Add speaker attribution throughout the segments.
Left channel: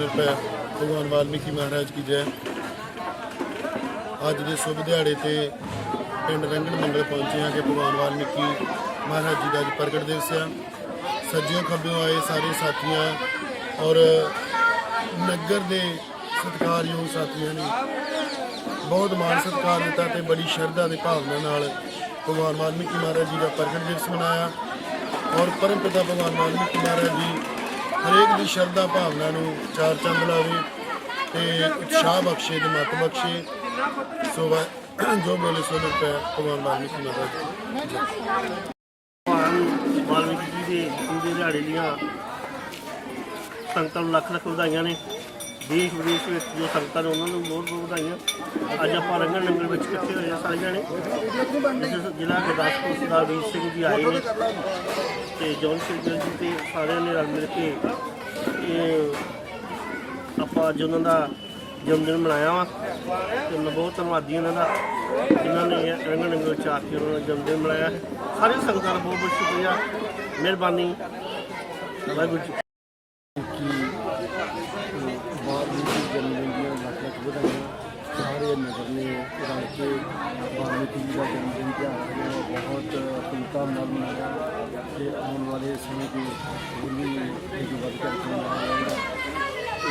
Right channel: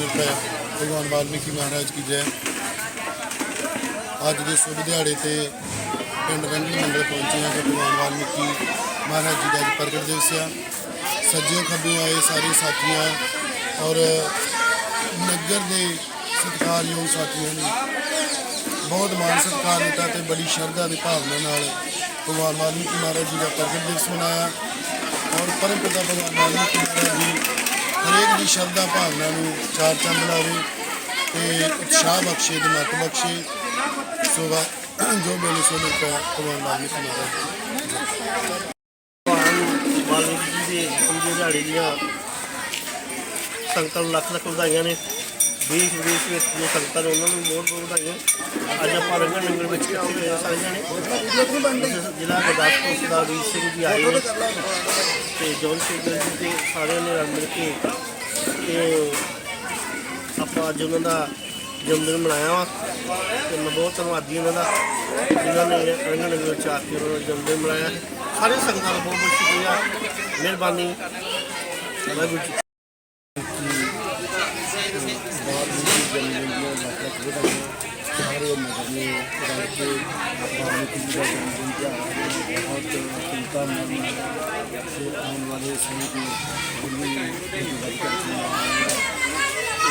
Speaker 1: ਰੁਪਏ ਭਗਵਾਨ ਵਾਲਮੀਕੀ ਮਹਾਰਾਜ ਕੀ ਜੈ। ਅੱਜ ਦੇ ਸ਼ੁਭ ਦਿਹਾੜੇ ਤੇ ਪਿੰਡ ਰੰਗਣ ਮੰਡਲ ਪਹੁੰਚੇ ਹਾਂ ਕਿ ਭਗਵਾਨ ਵਾਲਮੀਕੀ ਮਹਾਰਾਜ ਜੀ ਦਾ ਅੱਜ ਪ੍ਰਗਟ ਦਿਵਸ ਆ। ਸੱਜਿਓਂ ਖੱਬਿਓਂ ਆਏ ਸਾਰੇ ਸਾਥੀਆਂ ਔਰ ਨਗਰ ਦੇ ਸਤਿਕਾਰਯੋਗ ਸਾਥੀਆਂ ਨੇ ਬਹੁਤ ਮਾਣ ਸਤਿਕਾਰ ਦਿੱਤਾ ਤੇ ਬੜੀ ਸ਼ਰਧਾ ਤੇ ਭਾਵਨਾ ਨਾਲ ਭਗਵਾਨ ਵਾਲਮੀਕੀ ਮਹਾਰਾਜ ਜੀ ਦਾ ਪ੍ਰਗਟ ਦਿਵਸ ਮਨਾਇਆ। ਔਰ ਪਰਮ ਪਿਤਾ ਭਗਵਾਨ ਵਾਲਮੀਕੀ ਮਹਾਰਾਜ ਜੀ ਹਰੇਕ ਸ਼ਰਧਾ ਭਾਵਨਾ ਨੂੰ ਚਾਰ ਚੰਦ ਲਾਵੇ ਤੇ ਉਤਸ਼ਾਹ ਬਖਸ਼ੇ ਤੇ ਮਤ ਬਖਸ਼ੇ। ਸੋ ਜੋ ਬੋਲੇ ਸੋ ਰੁਪਏ ਭਗਵਾਨ ਵਾਲਮੀਕੀ ਮਹਾਰਾਜ ਜੀ।
Speaker 2: ਭਗਵਾਨ ਵਾਲਮੀਕੀ ਜੀ ਦੇ ਪੂਜੇ ਦਿਹਾੜੇ ਦੀਆਂ ਸੰਗਤਾਂ ਨੂੰ ਲੱਖ ਲੱਖ ਵਧਾਈਆਂ ਨੇ। ਦੇਸ਼ ਵਿਦੇਸ਼ ਵਿੱਚ ਜੋ ਸੰਗਤਾਂ ਨੇ, ਉਹਨਾਂ ਨੂੰ ਬਹੁਤ ਬਹੁਤ ਵਧਾਈਆਂ। ਅੱਜ ਆਪਾਂ ਰੰਗਣ ਨੰਗਲ ਵਿੱਚ ਇਕੱਠੇ ਹੋਏ ਆ ਸਾਰੇ ਜਾਣੇ। ਜ਼ਿਲ੍ਹਾ ਗੁਰਦਾਸਪੁਰ ਸਰਦਾਰ ਵੀਰ ਸਿੰਘ ਜੀ ਆਏ ਨੇ ਤੇ ਜੌਨ ਸ਼ੇਖਰ ਜੀ ਤੇ ਸਾਰਿਆਂ ਨੇ ਰਲ ਮਿਲ ਕੇ ਆਪਾਂ ਅੱਜ ਉਹਨਾਂ ਦਾ ਜਨਮ ਦਿਨ ਮਨਾਇਆ ਵਾ ਤੇ ਮੈਂ ਬਹੁਤ ਧੰਨਵਾਦੀ ਉਹਨਾਂ ਦਾ, ਜਿਨ੍ਹਾਂ ਨੇ ਰੰਗਣ ਨੰਗਲ ਵਿੱਚ ਆ ਕੇ ਉਹਨਾਂ ਦਾ ਜਨਮ ਦਿਨ ਮਨਾਇਆ। ਸਾਰੇ ਸੰਗਤਾਂ ਦਾ ਬਹੁਤ ਬਹੁਤ ਸ਼ੁਕਰੀਆ, ਮਿਹਰਬਾਨੀ। ਵਾਹਿਗੁਰੂ ਜੀ
Speaker 3: ਜਨਮ ਦਿਨ ਦੀਆਂ ਲੱਖ ਲੱਖ ਵਧਾਈਆਂ ਸਾਰੇ ਨਗਰ ਨੇ ਰਲ ਕੇ ਵਾਲਮੀਕੀ ਜੀ ਦਾ ਜਨਮ ਦਿਨ ਤਿਉਹਾਰ ਬਹੁਤ ਧੂਮਧਾਮ ਨਾਲ ਮਨਾਇਆ ਤੇ ਆਉਣ ਵਾਲੇ ਸਮੇਂ ਦੀ ਬੁੱਲੀ ਇਹ ਵੱਧ ਕਰਕੇ ਮਨਾਇਆ ਜਾਏਗਾ ਤੇ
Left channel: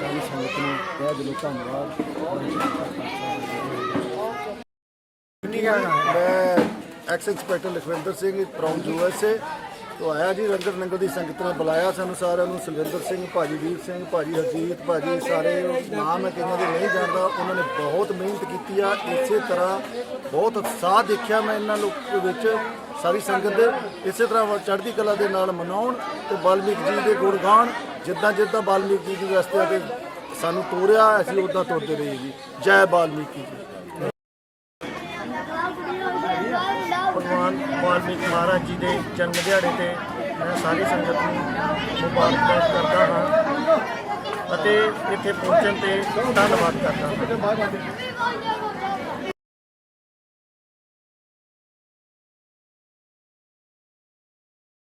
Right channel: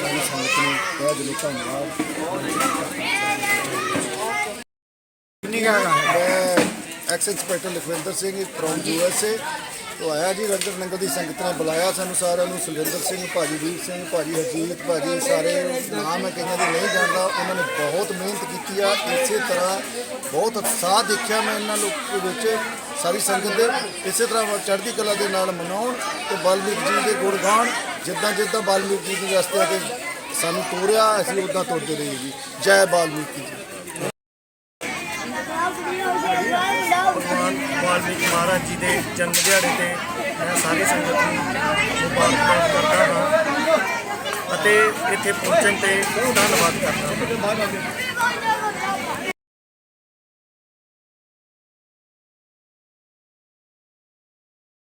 Speaker 3: ਸਾਰੀ ਸੰਗਤ ਨੂੰ ਤਹਿ ਦਿਲੋਂ ਧੰਨਵਾਦ। ਮੈਂ ex inspector Lakhwinder Singh from USA ਤੋਂ ਆਇਆ ਜੀ ਰੰਗਰ ਨੰਗਲ ਦੀ ਸੰਗਤ ਨੇ ਬੁਲਾਇਆ ਸਾਨੂੰ ਸਾਰਿਆਂ ਨੂੰ ਸੁਲਿੰਦਰ ਸਿੰਘ, ਭਾਜੀ ਵੀਰ ਸਿੰਘ, ਭਾਜੀ ਹਰਜੀਤ, ਭਾਜੀ ਸਾਰੇ ਨਾਮ ਹੈ ਕਈਆਂ ਦੇ ਨਹੀਂ ਜਾਣਦਾ, ਉਹਨਾਂ ਨੇ ਬਹੁਤ ਮਿਹਨਤ ਕੀਤੀ ਆ, ਇਸੇ ਤਰ੍ਹਾਂ ਬਹੁਤ ਉਤਸ਼ਾਹ ਦੇਖਿਆ ਮੈਂ ਇਹਨਾਂ ਲੋਕ ਵਿੱਚ, ਸਾਰੀ ਸੰਗਤ ਦੇ, ਇਸੇ ਤਰ੍ਹਾਂ ਚੜ੍ਹਦੀ ਕਲਾ ਦੇ ਨਾਲ ਮਨਾਉਣ ਤੇ ਬਾਲਮੀਕ ਜੀ ਦੇ ਗੁਣ ਗਾਣ ਜਿੱਦਾਂ ਜਿੱਦਾਂ ਬਾਲਮੀਕ ਜੀ ਦੀ ਰਸਤੇ ਤੇ ਸਾਨੂੰ ਤੋਰਿਆ, ਅਸੀਂ ਉਦਾਂ ਤੁਰਦੇ ਰਹੀਏ ਜੀ। ਜੈ ਬਾਲਮੀਕੀ ਜੀ।
Speaker 2: ਭਗਵਾਨ ਵਾਲਮੀਕ ਮਹਾਰਾਜ ਜੀ ਦੇ ਜਨਮ ਦਿਹਾੜੇ ਤੇ ਮੈਂ ਸਾਰੀ ਸੰਗਤ ਨੂੰ ਮੁਬਾਰਕਬਾਦ ਕਰਦਾ ਹਾਂ ਅਤੇ ਇੱਥੇ ਪਹੁੰਚਣ ਤੇ ਧੰਨਵਾਦ ਕਰਦਾ ਹਾਂ।